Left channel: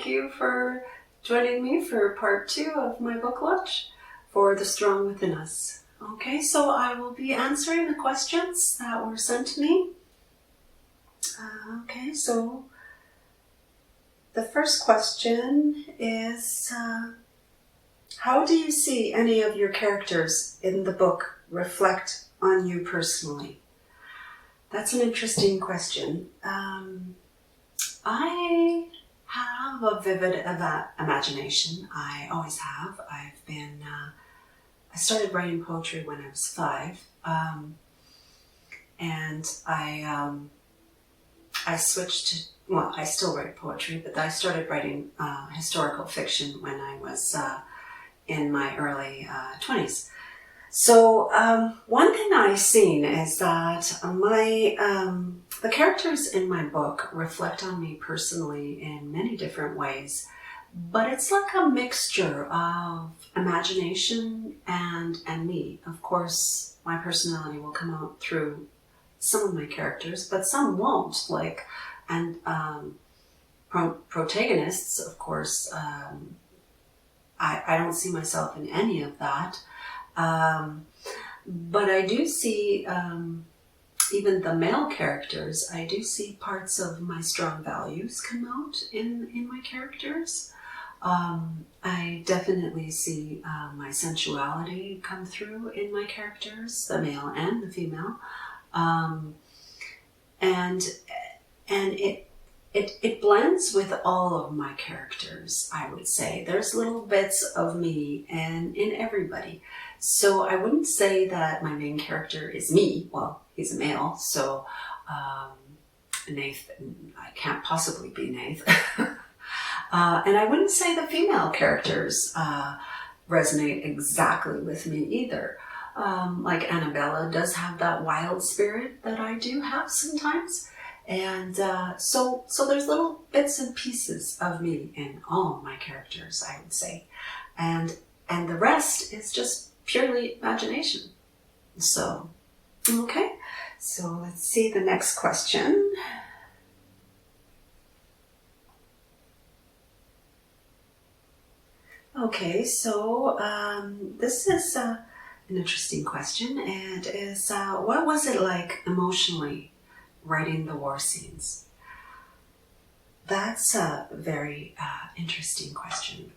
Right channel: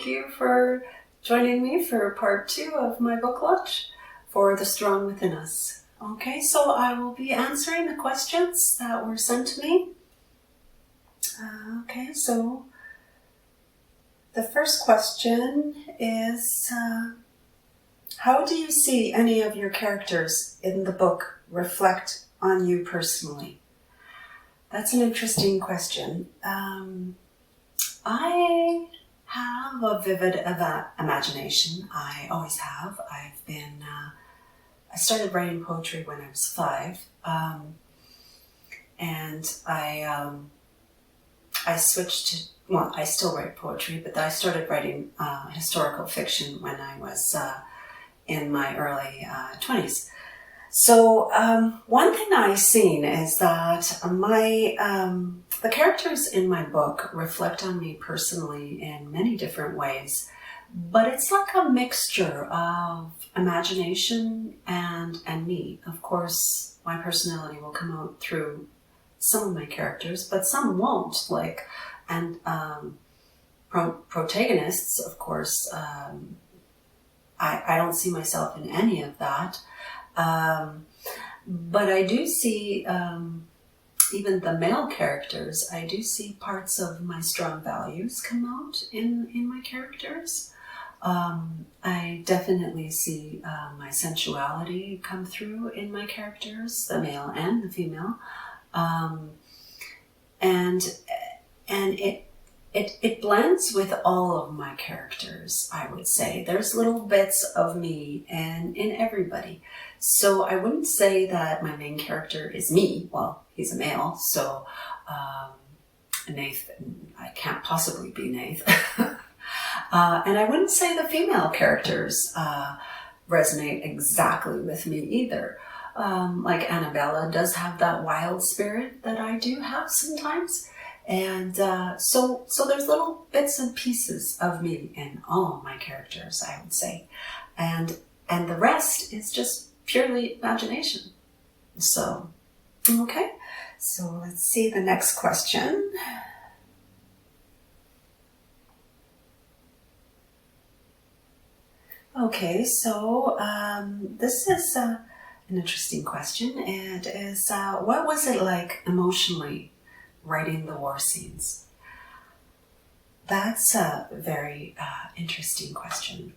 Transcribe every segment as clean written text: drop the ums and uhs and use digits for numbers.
thank you for joining me for part 2 of my book launch for The Strong Within Us. Okay, so I will be answering the questions that were sent to me. Okay, so the first question is, how do you see any of your characters in the book reflect on you personally? That's an interesting question. I have a vivid imagination. I always have. I started writing poetry when I was 5, and I switched to, well, I still write poetry, but I started writing historical fiction when I was in my early 20s. So one thing I've seen is that the characters in my book reflect on me personally in many different ways, but it's like a mixture of imagination and me. Of course, my personality will come out through some of my characters, but some won't. Protagonists, of course, I don't see myself in any of that. But I do see, even the male characters, I do see parts of my strong values come out in my characters. I definitely see my sensuality come through in my characters, the male and the female. And it blends with all of my characters, I would say. There's little bits of me in everybody. So I wouldn't say that my main character is me. Well, he's a male, so Nath, I can't possibly be Nath. And I wouldn't say the female characters resonate exactly with me either. Like Annabella does have that wild spirit that I do have sometimes. And so there's little bits and pieces of me in all of my characters, I would say. And the rest is just purely imagination. So, okay. So let's see the next question. Okay, so this is an interesting question. It is, what was it like emotionally writing the war scenes? That's a very interesting question.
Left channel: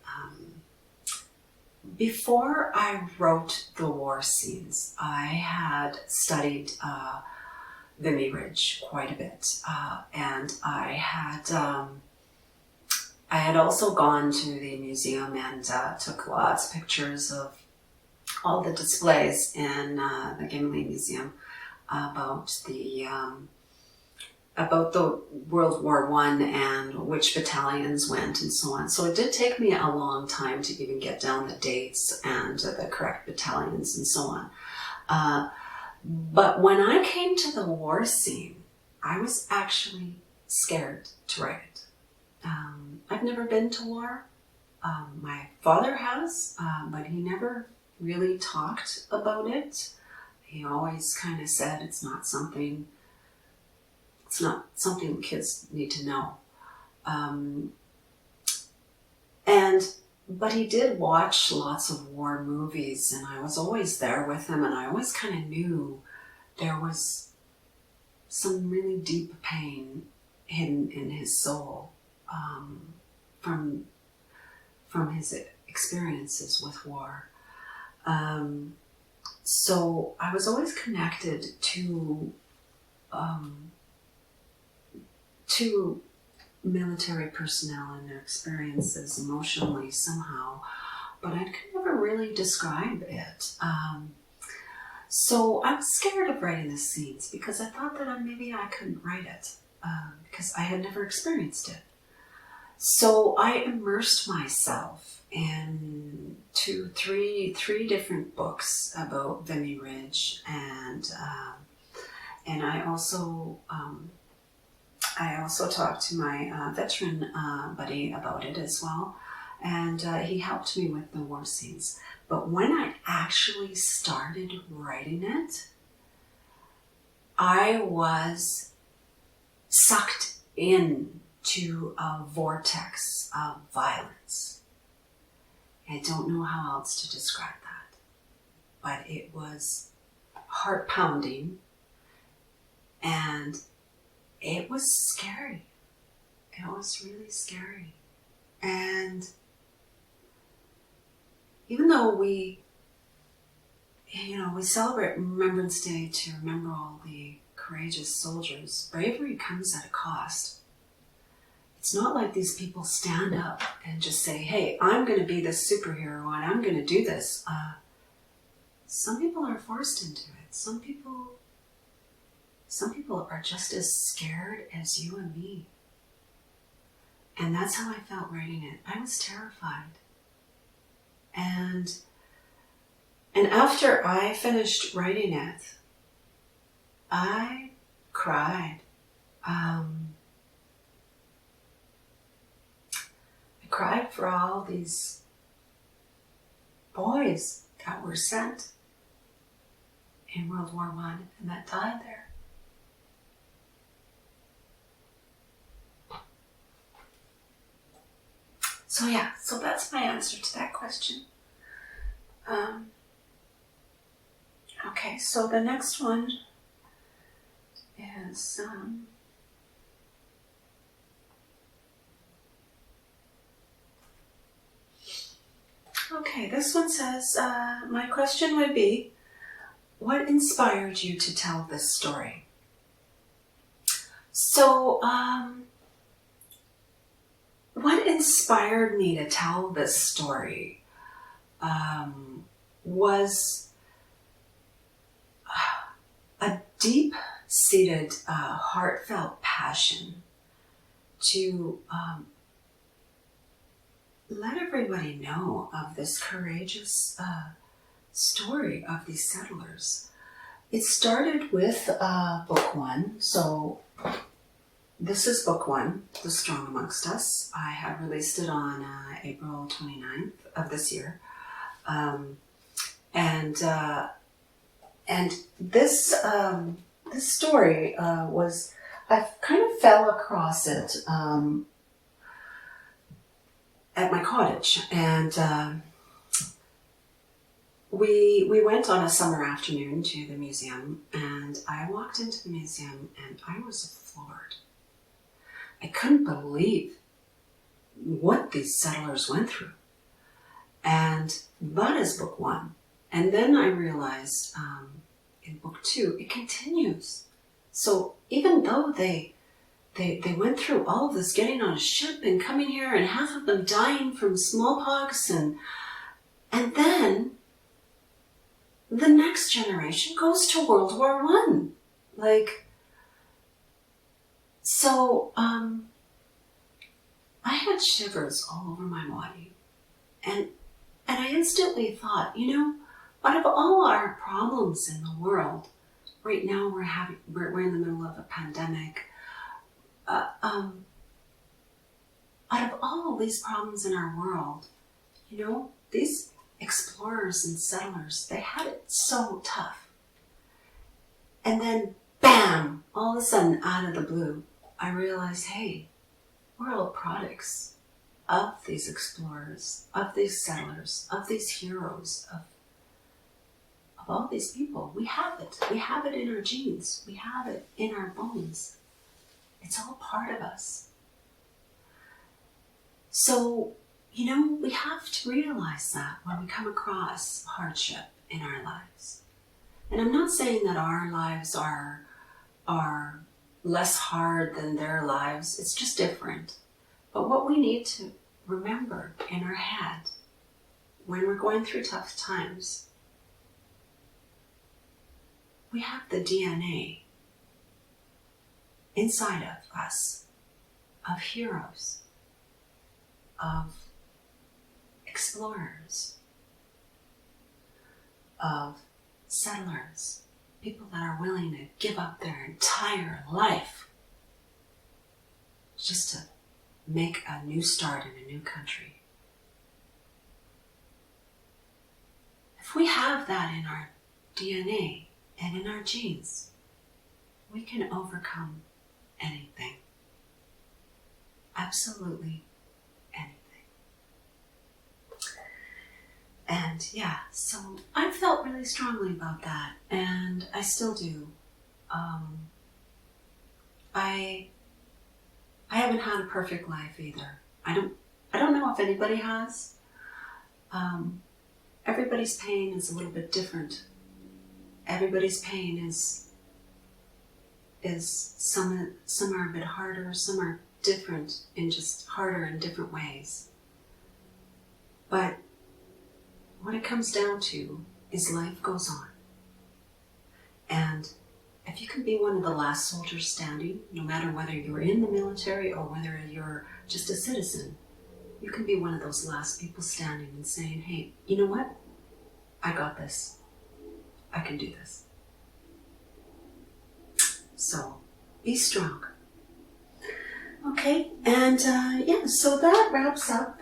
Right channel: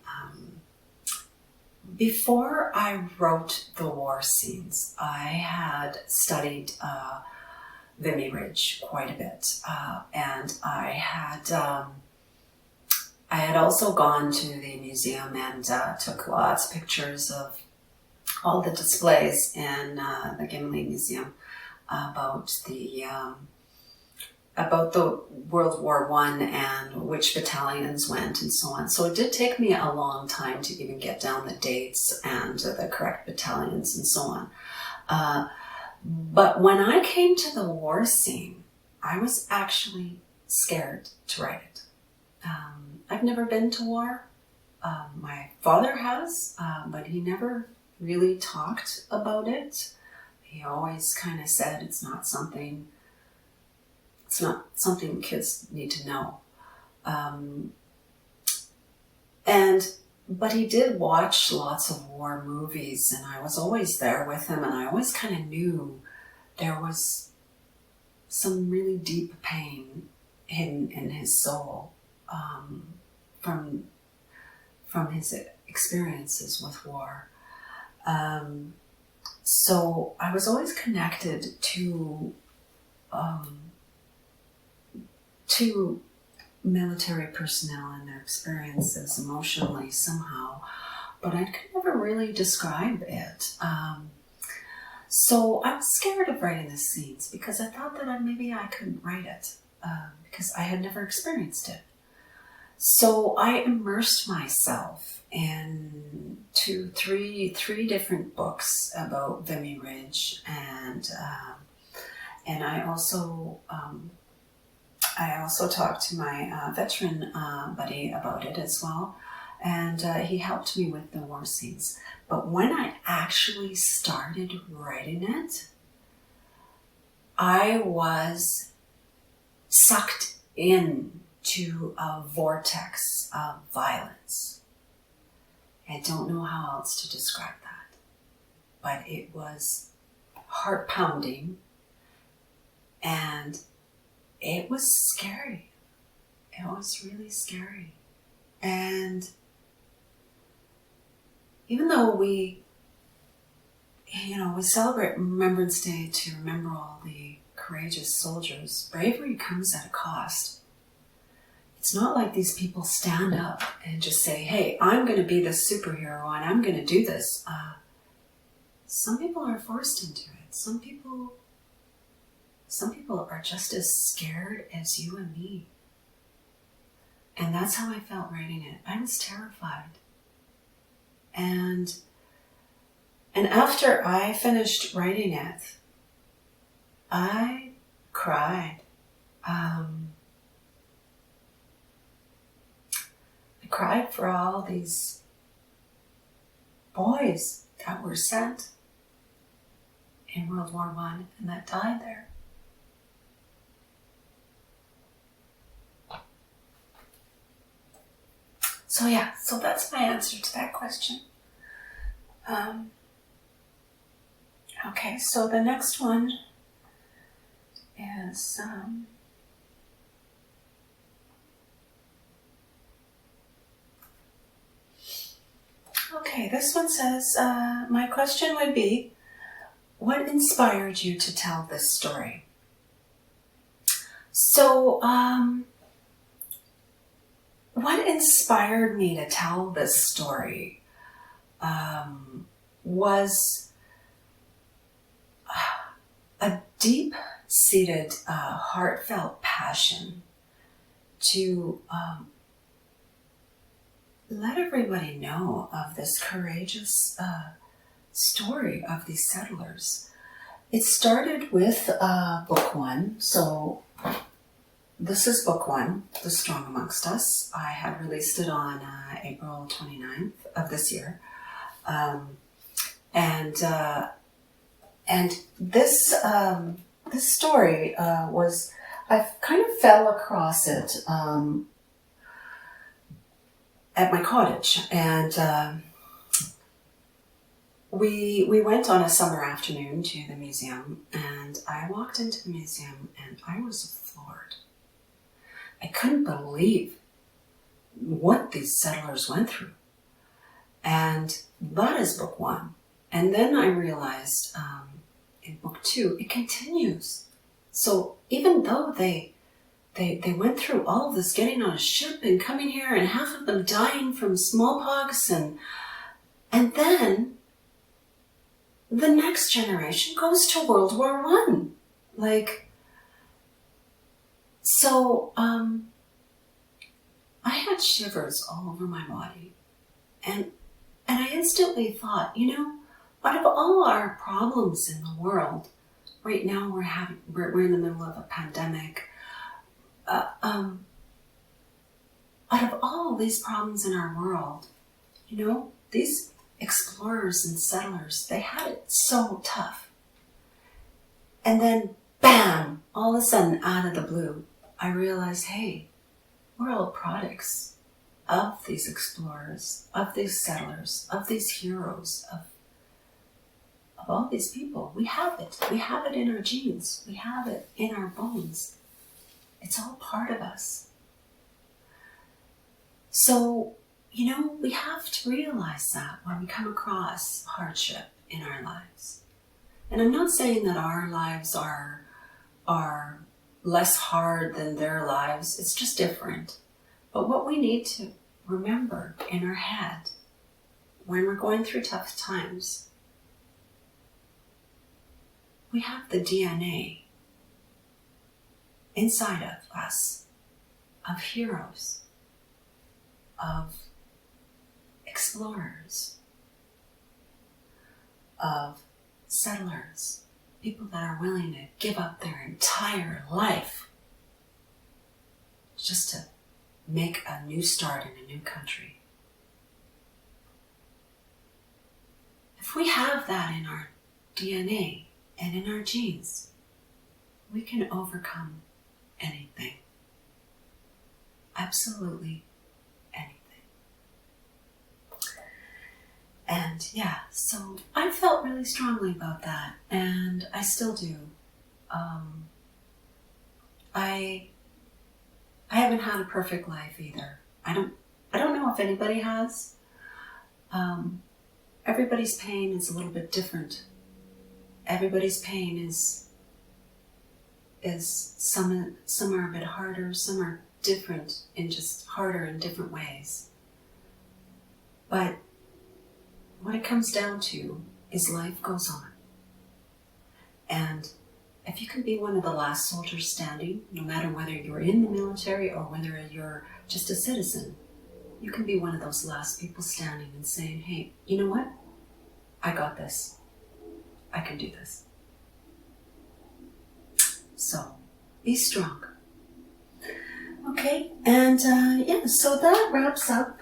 Before I wrote the war scenes, I had studied Vimy Ridge quite a bit, and I had also gone to the museum and took lots of pictures of all the displays in the Gimli Museum about the World War I and which battalions went and so on. So it did take me a long time to even get down the dates and the correct battalions and so on. But when I came to the war scene, I was actually scared to write it. I've never been to war. My father has, but he never really talked about it. He always kind of said it's not something kids need to know. But he did watch lots of war movies, and I was always there with him, and I always kind of knew there was some really deep pain hidden in his soul from his experiences with war. So I was always connected to military personnel and their experiences emotionally somehow, but I could never really describe it. So I was scared of writing the scenes because I thought that maybe I couldn't write it because I had never experienced it. So I immersed myself in three different books about Vimy Ridge, and I also talked to my veteran buddy about it as well, and he helped me with the war scenes. But when I actually started writing it, I was sucked in to a vortex of violence. I don't know how else to describe that, but it was heart pounding and it was scary. It was really scary. And even though we celebrate Remembrance Day to remember all the courageous soldiers, bravery comes at a cost. It's not like these people stand up and just say, hey, I'm going to be this superhero and I'm going to do this. Some people are forced into it. Some people are just as scared as you and me. And that's how I felt writing it. I was terrified. And after I finished writing it, I cried. I cried for all these boys that were sent in World War I and that died there. So that's my answer to that question. Okay, so the next one is okay, this one says, my question would be, what inspired you to tell this story? So, what inspired me to tell this story was a deep-seated, heartfelt passion to let everybody know of this courageous story of these settlers. It started with book one. So this is book one, The Strong Amongst Us. I had released it on April 29th of this year. And this story was, I kind of fell across it at my cottage, and we went on a summer afternoon to the museum, and I walked into the museum and I was floored. I couldn't believe what these settlers went through. And that is book one. And then I realized in book two, it continues. So even though they went through all of this, getting on a ship and coming here, and half of them dying from smallpox, and then the next generation goes to World War I. I had shivers all over my body, and I instantly thought, out of all our problems in the world, right now we're in the middle of a pandemic. Out of all these problems in our world, these explorers and settlers, they had it so tough. And then, bam, all of a sudden, out of the blue, I realized, hey, we're all products of these explorers, of these settlers, of these heroes, of all these people. We have it. We have it in our genes. We have it in our bones. It's all part of us. So, we have to realize that when we come across hardship in our lives. And I'm not saying that our lives are less hard than their lives. It's just different. But what we need to remember in our head when we're going through tough times, we have the DNA inside of us of heroes, of explorers, of settlers, people that are willing to give up their entire life just to make a new start in a new country. If we have that in our DNA and in our genes, we can overcome anything. absolutely anything. And yeah, so I felt really strongly about that, and I still do. I haven't had a perfect life either. I don't know if anybody has. Everybody's pain is a little bit different. Everybody's pain is some are a bit harder, some are different and just harder in different ways. But what it comes down to is life goes on. And if you can be one of the last soldiers standing, no matter whether you're in the military or whether you're just a citizen, you can be one of those last people standing and saying, hey, you know what? I got this. I can do this. So be strong. Okay, and so that wraps up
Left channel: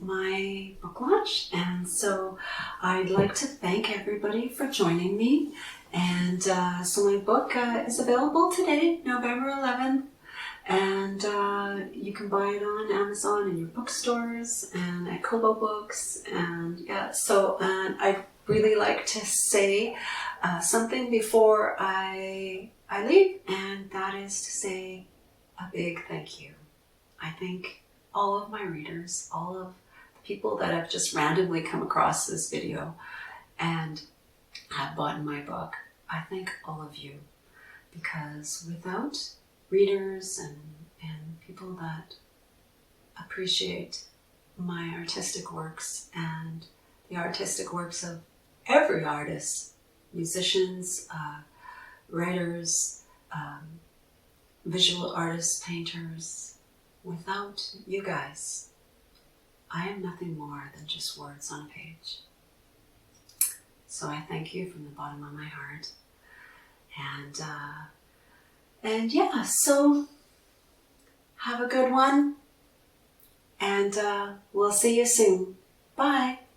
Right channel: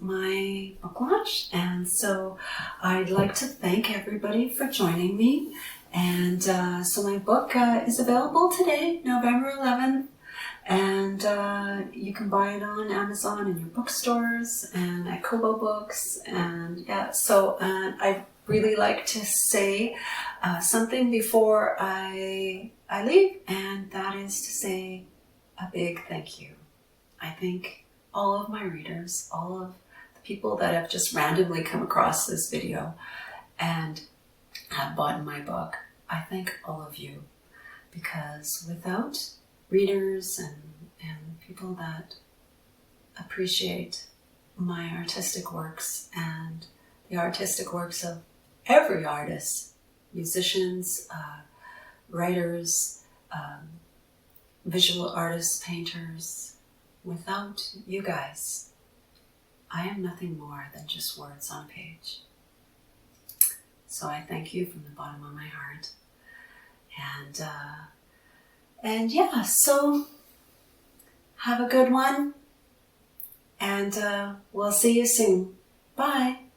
my book launch. And so I'd like to thank everybody for joining me. And so my book is available today, November 11th. And you can buy it on Amazon and your bookstores and at Kobo Books. And I'd really like to say something before I leave, and that is to say a big thank you. I thank all of my readers, all of the people that have just randomly come across this video and have bought my book. I thank all of you, because without readers and people that appreciate my artistic works and the artistic works of every artist, musicians, writers, visual artists, painters, without you guys, I am nothing more than just words on a page. So I thank you from the bottom of my heart. So have a good one, and we'll see you soon. Bye.